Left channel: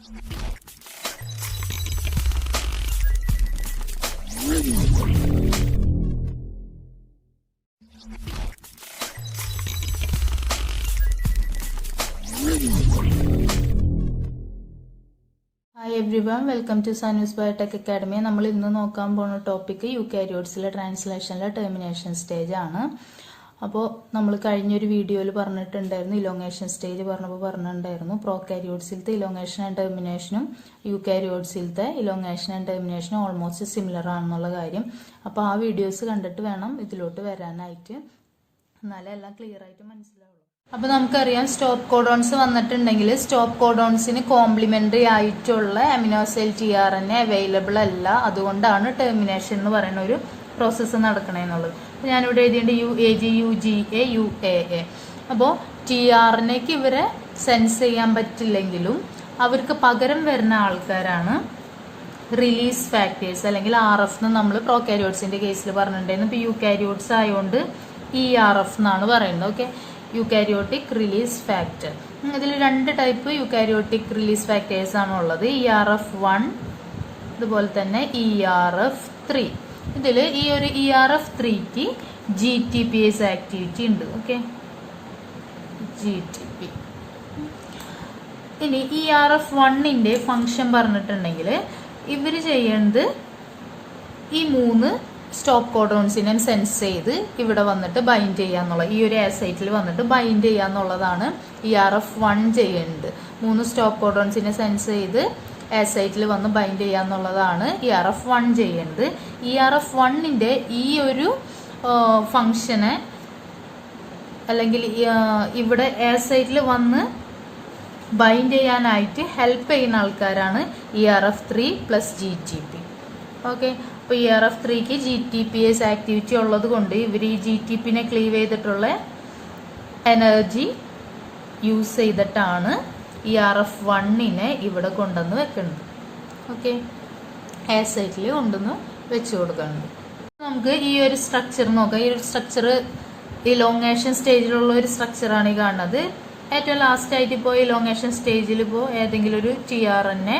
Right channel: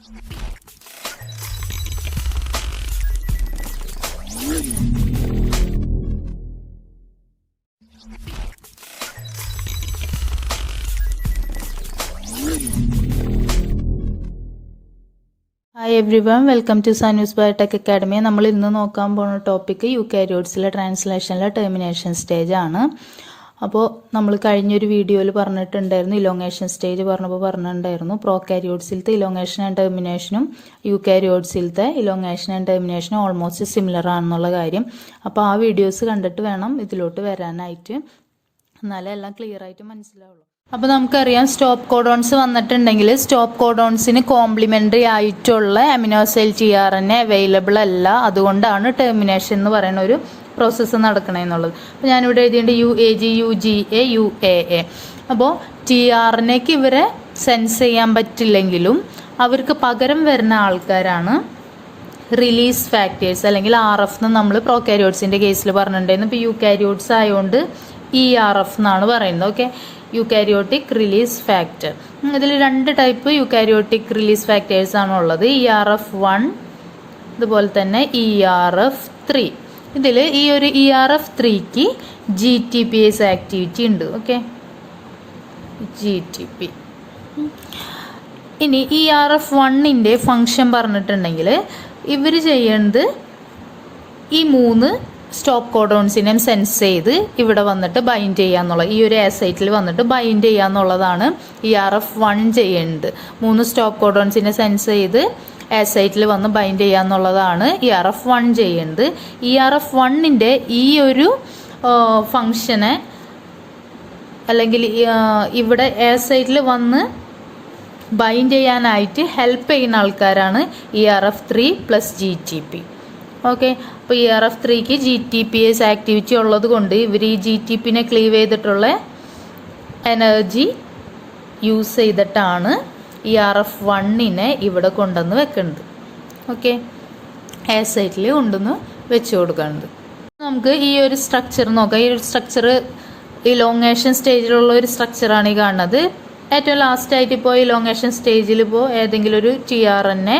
Hi everyone, welcome to Sanu's Biotec Academia. നമ്മൾ ഇന്ന് നോക്കാൻ പോകുന്ന ടോപ്പിക് യൂക്കാരിയോട്സിലെ ട്രാൻസ്ലേഷനിലെ ടെർമിനേഷൻ സ്റ്റേജ് ആണ്. അപ്പോൾ നമ്മൾ കഴിഞ്ഞൊരു വീഡിയോയിൽ പറഞ്ഞിട്ടുണ്ടായിരുന്നു, ഇലോങ്ങേഷൻ സ്റ്റേജ് പറഞ്ഞിട്ടുണ്ടായിരുന്നു പ്രോകാരിയോട്സിലത്തെ ഇലോങ്ങേഷൻ ആൻഡ് ടെർമിനേഷനും യൂക്കാരിയോട്സിലത്തെ ഇലോങ്ങേഷൻ ആൻഡ് ടെർമിനേഷനും ഓൾമോസ്റ്റ് സിമിലർ ആണെന്നുള്ള കാര്യം. അപ്പോൾ ആ വീഡിയോസ് കണ്ടിട്ട് വേണം ഇതിലോട്ട് വരാനായിട്ട്, എന്നാലേ എല്ലാം ക്ലിയർ ആയിട്ട് മനസ്സിലാവുള്ളൂ. അപ്പോൾ നമുക്കറിയാം സ്റ്റോപ്പ് കോഡോൺസ് വന്നിട്ടുണ്ടെങ്കിൽ സ്റ്റോപ്പ് കോഡോൺസിന് കോംപ്ലിമെൻ്ററി ആയിട്ടുള്ള അമിനോസൈൽ TRNA അവൈലബിൾ അല്ല. അതുകൊണ്ടാണ് ടെർമിനേഷൻ എന്ന് പറയുന്ന ഒരു പ്രോസസ്സ് നടക്കണമെന്നുള്ളത്. അപ്പോൾ ഞാനിവിടെ എഴുതിയിട്ടുണ്ട് UAG, UGA, UAA. അപ്പോൾ TRNAക്ക് ഇവരെ സെൻസ് ചെയ്യാൻ പറ്റില്ലെങ്കിലും അവർക്ക് പകരം വരുന്ന ആൾക്കാരാണ് റിലീസ് ഫാക്ടേഴ്സ് അല്ലെങ്കിൽ RF എന്ന് നമ്മൾ പ്രോകാരിയോട്സിൻ്റെ കേസിൽ പറഞ്ഞിട്ടുണ്ടായിരുന്നു. ഇപ്പോൾ യൂകാരിയോട്സ് ആയതുകൊണ്ട് ERF എന്നാണ് പറയുന്നത്. Okay, eukaryotic release factor. ഇതിൽ രണ്ട് ടൈപ്പ് യൂക്കാരിയോട്ടിക് റിലീസ് ഫാക്ടേഴ്സ് ആണ് ഉള്ളത്, ERF1 അതുപോലെ തന്നെ ERF3. ഇതിൽ ഈ ഒരു ERF3ക്ക് GTPase ആക്ടിവിറ്റി ഉണ്ട്. Okay, GTP. ഇനി ERF1ൻ്റെ ഫങ്ഷൻ പറഞ്ഞിട്ടുണ്ടെങ്കിൽ ഇവർ ചെയ്യേണ്ടത് ഈ 3 സ്റ്റോപ്പ് കോഡോൺസിനെ സെൻസ് ചെയ്ത് ഇവിടെ വന്നിട്ട് ബൈൻഡ് ചെയ്യാന്നുള്ളത്, ഈ ഒരു ആസൈറ്റിൽ വന്നിട്ട് ബൈൻഡ് ചെയ്യാന്നുള്ളതാണ് ERF1 ചെയ്യേണ്ടത്. 3 സ്റ്റോപ്പ് കോഡോൺസിനെ സെൻസ് ചെയ്ത് ആസൈറ്റിൽ വന്ന് ബൈൻഡ് ചെയ്യാന്നുള്ളതാണ് ERF1 ചെയ്യേണ്ടത്. ERF1ൻ്റെ ഈ ഒരു ഫങ്ഷനെ അല്ലെങ്കിൽ ഇവിടെ ആസൈറ്റിൽ വന്ന് ബൈൻഡ് ചെയ്യാനായിട്ട് ഹെൽപ്പ് ചെയ്യുന്ന ആൾക്കാരാണ് ERF3 പ്ലസ് GTP. ഓക്കെ, അപ്പോൾ ERF3ക്ക് GTPase ആക്ടിവിറ്റി ഉള്ളത് കൊണ്ട് ഇവർ ഈ GTPനെ ക്ലീവ് ചെയ്തിട്ടുള്ള എനർജി യൂസ് ചെയ്തിട്ടാണ് ERF1നെ ഇവിടെ കൊണ്ടുവന്ന് വെക്കുന്നത്. ഓക്കെ, ആസൈറ്റിൽ കൊണ്ടുവന്ന് വെച്ച് കൊടുക്കുന്നത്. നമുക്ക് ഈ ഒരു സ്ട്രക്ചർ നോക്കാം. ഈ ഒരു സ്ട്രക്ചർ ഇലോങ്ങേഷൻ സ്റ്റേജിലുള്ള ഒരു സ്ട്രക്ചറാണ് ഈ കാണുന്നത്. ഏറ്റവും ലാസ്റ്റായിട്ട് ഇപ്പോൾ ഇലോങ്ങേഷൻ സ്റ്റേജിൽ ഇപ്പോൾ ഏതെങ്കിലും ഒരു TRNA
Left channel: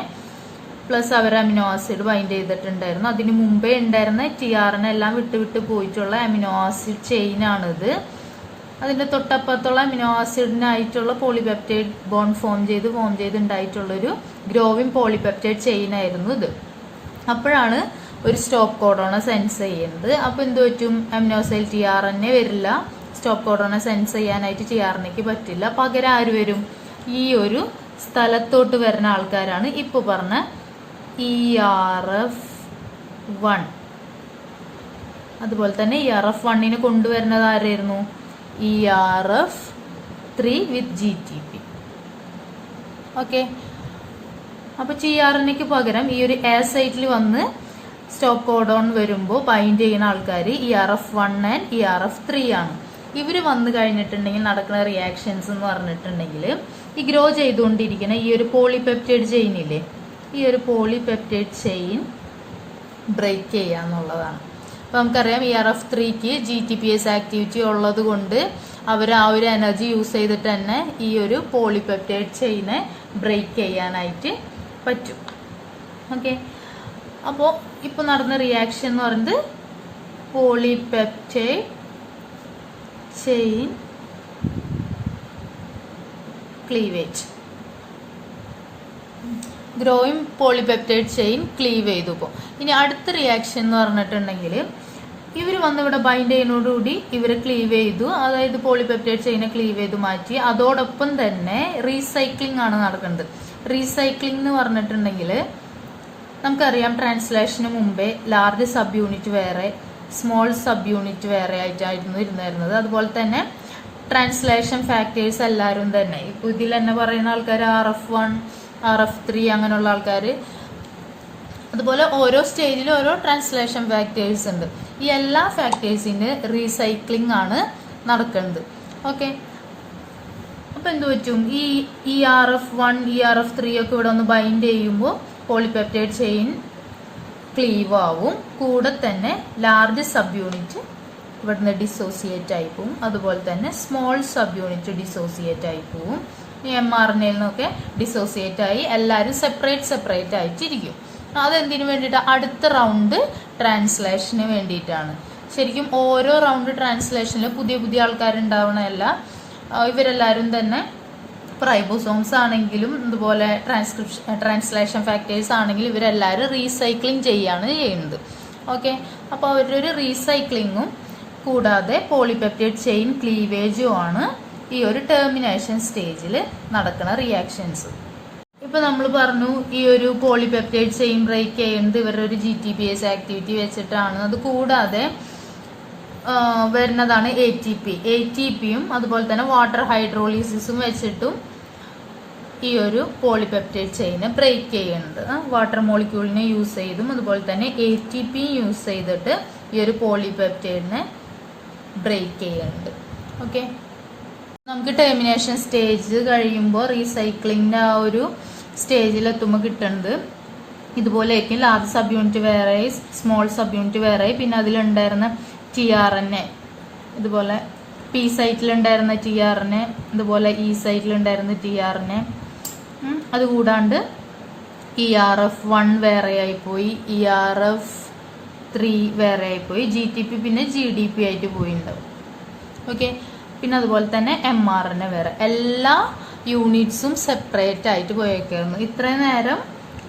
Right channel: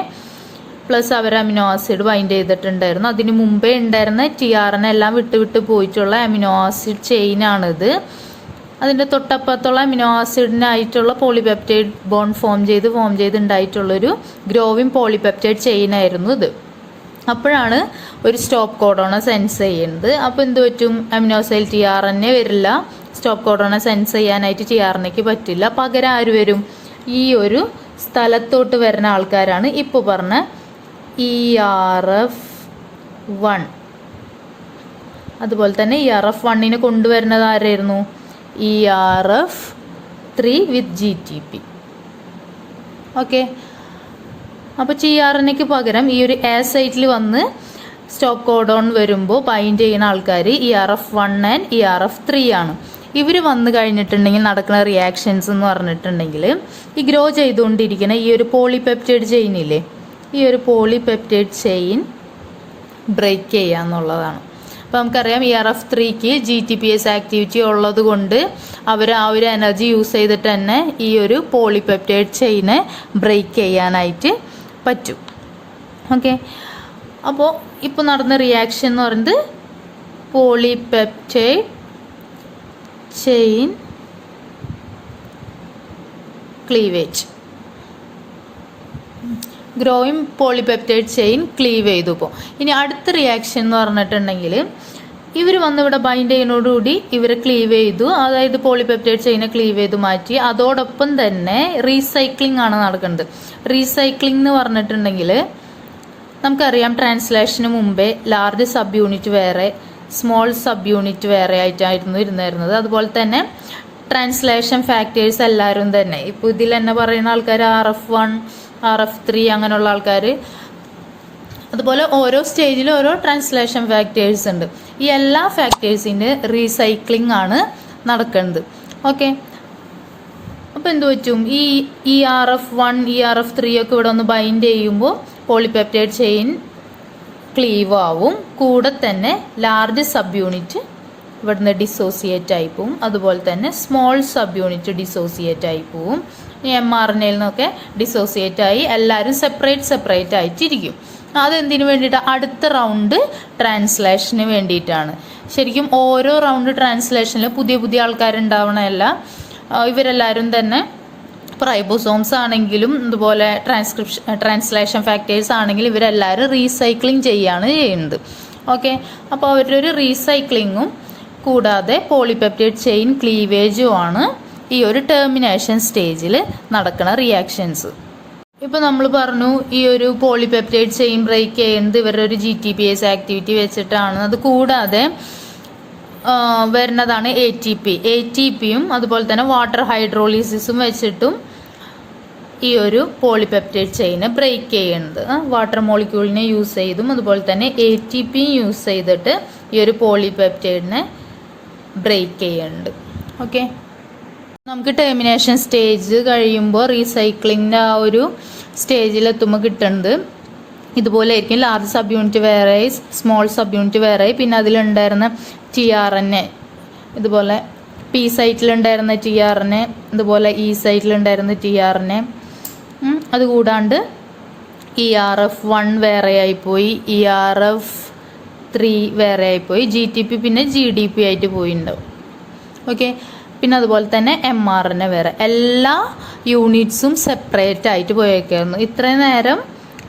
പ്ലസ് അവർ അമിനോ ആസിഡ് ബൈൻഡ് ചെയ്തിട്ടുണ്ടായിരുന്നു. അതിന് മുമ്പേ ഉണ്ടായിരുന്ന TRNA എല്ലാം വിട്ട് പോയിട്ടുള്ള അമിനോ ആസിഡ് ചെയിനാണിത്. അതിൻ്റെ തൊട്ടപ്പുറത്തുള്ള അമിനോ ആസിഡിനായിട്ടുള്ള പോളിപെപ്റ്റൈഡ് ബോണ്ട് ഫോം ചെയ്ത് ഉണ്ടായിട്ടുള്ളൊരു ഗ്രോവിങ് പോളിപെപ്റ്റൈഡ് ചെയിനായിരുന്നു ഇത്. അപ്പോഴാണ് ഒരു സ്റ്റോപ്പ് കോഡോണെ സെൻസ് ചെയ്യുന്നത്. അപ്പോൾ എന്ത് പറ്റും, അമിനോസൈൽ TRNA വരില്ല, സ്റ്റോപ്പ് കോഡോണെ സെൻസ് ചെയ്യാനായിട്ട് TRNAക്ക് പറ്റില്ല. പകരം ആര് വരും, ഈ ഒരു സ്ഥലത്തോട്ട് വരുന്ന ആൾക്കാരാണ് ഇപ്പോൾ പറഞ്ഞ ERF1. അതുപോലെ തന്നെ ERF1നെ കൊണ്ടുവരുന്നത് ആരായിരുന്നു, ERF3 വിത്ത് GTP. ഓക്കെ, അപ്പോൾ TRNAക്ക് പകരം ഈ ഒരു ആസൈറ്റിൽ വന്ന് സ്റ്റോപ്പ് കോഡോൺ വരുമ്പോൾ ബൈൻഡ് ചെയ്യുന്ന ആൾക്കാർ ERF1 ആൻഡ് ERF3 ആണ്. ഇവർ വന്നു കഴിഞ്ഞിട്ടുണ്ടെങ്കിൽ നടക്കുന്ന റിയാക്ഷൻസ് എന്ന് പറഞ്ഞിട്ടുണ്ടെങ്കിൽ ഈ ഗ്രോ ചെയ്തുകൊണ്ടിരിക്കുന്ന ഈ ഒരു പോളിപെപ്റ്റൈഡ് ചെയിനില്ലേ, ഈ ഒരു പോളിപെപ്റ്റൈഡ് ചെയിൻ ബ്രേക്ക് ചെയ്യുക എന്നുള്ളതാണ്. അപ്പോൾ നമുക്കറിയാം ERF3ക്ക് GTPase ആക്ടിവിറ്റി ഉള്ളത് കൊണ്ട് അവർ ആ ഒരു എനർജി യൂസ് ചെയ്തിട്ട് തന്നെ ഈ ഒരു പോളിപെപ്റ്റൈഡ് ചെയിനെ ബ്രേക്ക് ചെയ്യാനായിട്ട് പറ്റും. ഓക്കെ, അപ്പോൾ ഇപ്പോൾ നടന്ന റിയാക്ഷൻ എന്ന് പറയുന്നത് polypeptide chain cleavage, growing polypeptide chain Clive ചെയ്തു. ഇപ്പോൾ ഇനി അടുത്ത റിയാക്ഷൻ എന്ന് പറഞ്ഞിട്ടുണ്ടെങ്കിൽ ഇവർ വന്ന് ഇവിടെ ബൈൻഡ് ചെയ്യുന്നതോടുകൂടി ഇവർ ക്ലീവ് ചെയ്തു, അതായത് പോളിപെപ്റ്റൈഡ് ചെയിനെ ക്ലീവ് ചെയ്ത് മാറ്റി. അതോടൊപ്പം തന്നെ റീസൈക്ലിംഗ് ആണ് നടക്കുന്നത്. റീസൈക്ലിംഗ് എന്ന് പറഞ്ഞിട്ടുണ്ടെങ്കിൽ നമുക്കറിയാം ട്രാൻസ്ലേഷന് മുമ്പേ ലാർജ് സബ് യൂണിറ്റ് വേറെ സ്മോൾ സബ് യൂണിറ്റ് വേറെ ആയിട്ടായിരുന്നു ഇരുന്നിരുന്നത്. അതുപോലെ തന്നെ ട്രാൻസ്ലേഷൻ ഫാക്ടേഴ്സ് എല്ലാവരും തന്നെ ഇപ്പോൾ ഇതിൽ തന്നെ പറയുന്ന ആൾക്കാർ RF1 RF3 അങ്ങനെയുള്ള ആൾക്കാർ. അതുപോലെ ഓരോ സ്റ്റേജിലും ഓരോ ട്രാൻസ്ലേഷൻ ഫാക്ടേഴ്സ് ഉണ്ട്. ഈ എല്ലാ ഫാക്ടേഴ്സിൻ്റെ റീസൈക്ലിംഗ് ആണ് നടക്കുന്നത്. ഓക്കെ, അപ്പോൾ എന്ത് പറ്റും, ഈ ERF1 ERF3 ഒക്കെ ഇവിടെ ഒന്ന് ബൈൻഡ് ചെയ്യുമ്പോൾ പോളിപെപ്റ്റൈഡ് ചെയിൻ ക്ലീവ് ആവും. കൂടെ തന്നെ ലാർജ് സബ് യൂണിറ്റ് ഇവിടുന്ന് ഡിസോസിയേറ്റ് ആയി പോവും. അതുപോലെ തന്നെ സ്മോൾ സബ് യൂണിറ്റ് ഡിസോസിയേറ്റ് ആയി പോവും. mRNA-യിൽ നിന്നൊക്കെ ഡിസോസിയേറ്റ് ആയി എല്ലാവരും സെപ്പറേറ്റ് ആയിട്ടിരിക്കും. അതെന്തിനു വേണ്ടിയിട്ട്? അടുത്ത റൗണ്ട് ട്രാൻസ്ലേഷന് വേണ്ടിയിട്ടാണ്. ശരിക്കും ഓരോ റൗണ്ട് ട്രാൻസ്ലേഷനിൽ പുതിയ ആൾക്കാരുണ്ടാവണമല്ല. ഇവരെല്ലാവരും തന്നെ റൈബോസോംസ് ആണെങ്കിലും അതുപോലെ ട്രാൻസ്ലേഷൻ ഫാക്ടേഴ്സ് ആണെങ്കിലും ഇവരെല്ലാവരും റീസൈക്ലിംഗ് ചെയ്യുന്നത്. ഓക്കെ, അപ്പോൾ അവരുടെ ഒരു റീസൈക്ലിങ്ങും കൂടാതെ പോളിപെപ്റ്റൈഡ് ചെയിൻ ക്ലീവേജും ആണ് ഈ ഒരു ടെർമിനേഷൻ സ്റ്റേജിൽ നടക്കുന്ന റിയാക്ഷൻസ്. ഇപ്പോൾ നമ്മൾ പറഞ്ഞു ഈ ഒരു പോളിപെപ്റ്റൈഡ് ചെയിൻ ബ്രേക്ക് ചെയ്യുന്നത് ഇവരുടെ ഒരു GTPase ആക്ടിവിറ്റി വെച്ചിട്ടാണ്. അത് കൂടാതെ വരുന്നതാണ് ATPയും അതുപോലെ തന്നെ വാട്ടർ ഹൈഡ്രോളിസിസും വെച്ചിട്ടും ഈ ഒരു പോളിപെപ്റ്റൈഡ് ചെയിന് ബ്രേക്ക് ചെയ്യുന്നത്. വാട്ടർ മോളിക്യൂളിനെ യൂസ് ചെയ്തും അതുപോലെ തന്നെ ATPയും യൂസ് ചെയ്തിട്ട് ഈ ഒരു പോളിപെപ്റ്റൈഡിനെ ബ്രേക്ക് ചെയ്യുന്നുണ്ട്. ഓക്കെ, നമുക്ക് ടെർമിനേഷൻ സ്റ്റേജ് കഴിയുമ്പോൾ റീസൈക്ലിങ്ങിൻ്റെ ആ ഒരു സ്റ്റേജിലെത്തുമ്പോൾ കിട്ടുന്നത് ഇതുപോലെ ആയിരിക്കും. ലാർജ് സബ് യൂണിറ്റ് വേറെയായി, സ്മോൾ സബ് യൂണിറ്റ് വേറെയായി, പിന്നെ അതിലുണ്ടായിരുന്ന tRNA ഇതുപോലെ P സൈറ്റിലുണ്ടായിരുന്ന tRNA ഇതുപോലെ E സൈറ്റിലുണ്ടായിരുന്ന tRNA, അതുകൂടാണ്ട് ERF1 വേറെയായിപ്പോയി, ERF3 വേറെയായിപ്പോയി, GTP പിന്നെ GDP ആയിട്ട് പോയിണ്ടാവും. ഓക്കെ, പിന്നെ അതുപോലെ തന്നെ mRNA വേറെ, എല്ലാ യൂണിറ്റ്സും സെപ്പറേറ്റ് ആയിട്ട് പോയേക്കായിരുന്നു. ഇത്രയും നേരം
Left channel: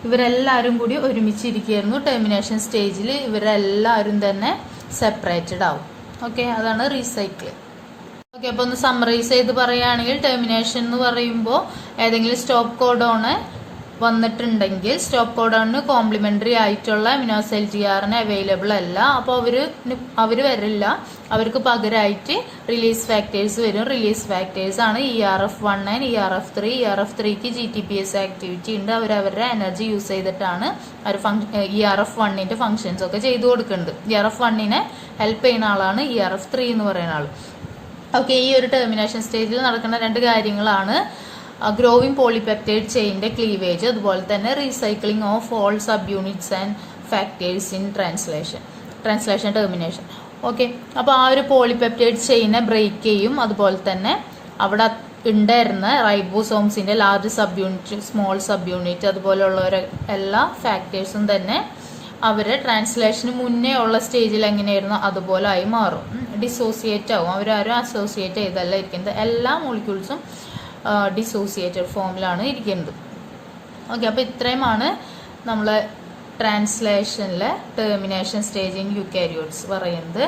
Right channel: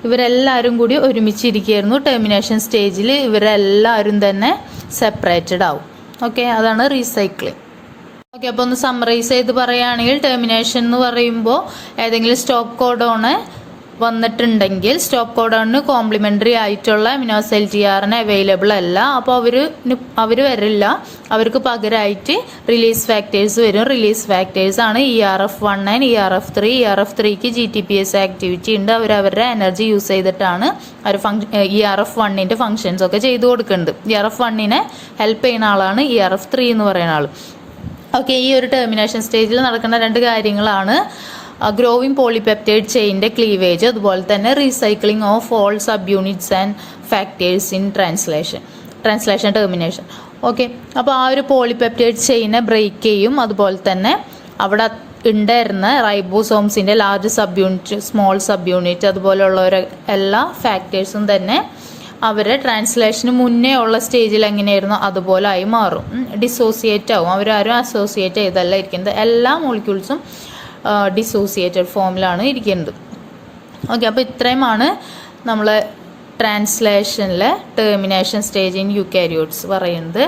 ഇവരെല്ലാവരും കൂടി ഒരുമിച്ചിരിക്കുകയായിരുന്നു. ടെർമിനേഷൻ സ്റ്റേജിൽ ഇവരെല്ലാവരും തന്നെ സെപ്പറേറ്റഡ് ആവും. ഓക്കെ, അതാണ് റീസൈക്ലിംഗ്. ഓക്കെ, അപ്പോൾ ഒന്ന് സമ്മറൈസ് ചെയ്ത് പറയുകയാണെങ്കിൽ ടെർമിനേഷൻ എന്ന് പറയുമ്പോൾ ഏതെങ്കിലും സ്റ്റോപ്പ് കോഡോണ് വന്നിട്ടുണ്ടെങ്കിൽ സ്റ്റോപ്പ് കോഡോണിന് കോംപ്ലിമെൻ്ററി ആയിട്ടുള്ള അമിനോസൈൽ tRNA അവൈലബിൾ അല്ല. അപ്പോൾ അവർ വരില്ല. അവർക്ക് പകരമായിട്ട് റിലീസ് ഫാക്ടേഴ്സ് വരും. റിലീസ് ഫാക്ടേഴ്സ് ആണ് ERF1 and ERF3. ERF3ക്ക് GTPase activity ഉണ്ട്. അവരുടെ എനർജി യൂസ് ചെയ്തിട്ടാണ് അവർ ERF1ൻ്റെ ഫങ്ഷൻസ് ഒക്കെ ചെയ്തു കൊടുക്കുന്നുണ്ട്. ERF1നെ ഹെൽപ്പ് ചെയ്യുന്ന ആളാണ് ERF3 എന്ന് പറയുന്ന ആൾ. ഓക്കെ, ഈ ഒരു ടെർമിനേഷൻ സ്റ്റേജിൽ നടക്കുന്ന രണ്ട് കാര്യങ്ങളാണ് ഗ്രോവിംഗ് പോളിപെപ്റ്റൈഡ് ചെയിൻ്റെ ക്ലീവേജ്, അതുപോലെ തന്നെ recycling of all sub units and factors in translation termination. Okay, അപ്പോൾ ആ ഒരു പോളിപെപ്റ്റൈഡ് ചെയിനെ ബ്രേക്ക് ചെയ്യും. അതുപോലെ തന്നെ അവിടെ ഉണ്ടായിരുന്ന റൈബോസോംസിൻ്റെ large subunit, small subunit അതുപോലെയുള്ള എല്ലാ ഫാക്ടേഴ്സും തന്നെ അവരെ ട്രാൻസ്ലേഷന് മുന്നേ ഉള്ള സ്റ്റേജിൽ എങ്ങനെയായിരുന്നു അതുപോലെ ആയി മാറും. ഡിസോസിയേറ്റ് ആവും. അവരാരും അസോസിയേറ്റ് ചെയ്തല്ല ഇരിക്കുന്നത്. എല്ലാ മോളിക്യൂൾസും ഡിസോസിയേറ്റഡ് ഫോമിലാണ് ഇരിക്കുന്നത്. ഓക്കെ, അപ്പോൾ ഇത്രയുമാണ് നമ്മൾ ട്രാൻസ്ലേഷനിലെ ടെർമിനേഷൻ സ്റ്റേജ് ഇൻ യൂക്കാരിയോട്സ് പറയുന്നത്.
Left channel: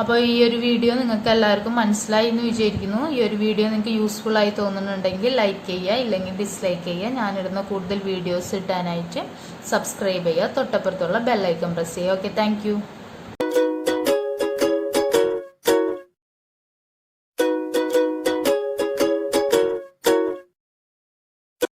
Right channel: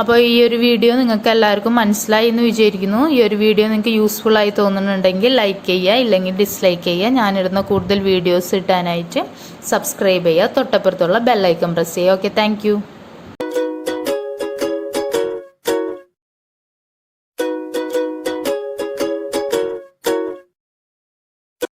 അപ്പോൾ ഈ ഒരു വീഡിയോ നിങ്ങൾക്ക് എല്ലാവർക്കും മനസ്സിലായി എന്ന് വിചാരിക്കുന്നു. ഈ ഒരു വീഡിയോ നിങ്ങൾക്ക് യൂസ്ഫുൾ ആയി തോന്നുന്നുണ്ടെങ്കിൽ ലൈക്ക് ചെയ്യുക, ഇല്ലെങ്കിൽ ഡിസ്ലൈക്ക് ചെയ്യുക. ഞാനിടുന്ന കൂടുതൽ വീഡിയോസ് കിട്ടാനായിട്ട് സബ്സ്ക്രൈബ് ചെയ്യുക, തൊട്ടപ്പുറത്തുള്ള ബെല്ലൈക്കൺ പ്രസ് ചെയ്യുക. Okay, thank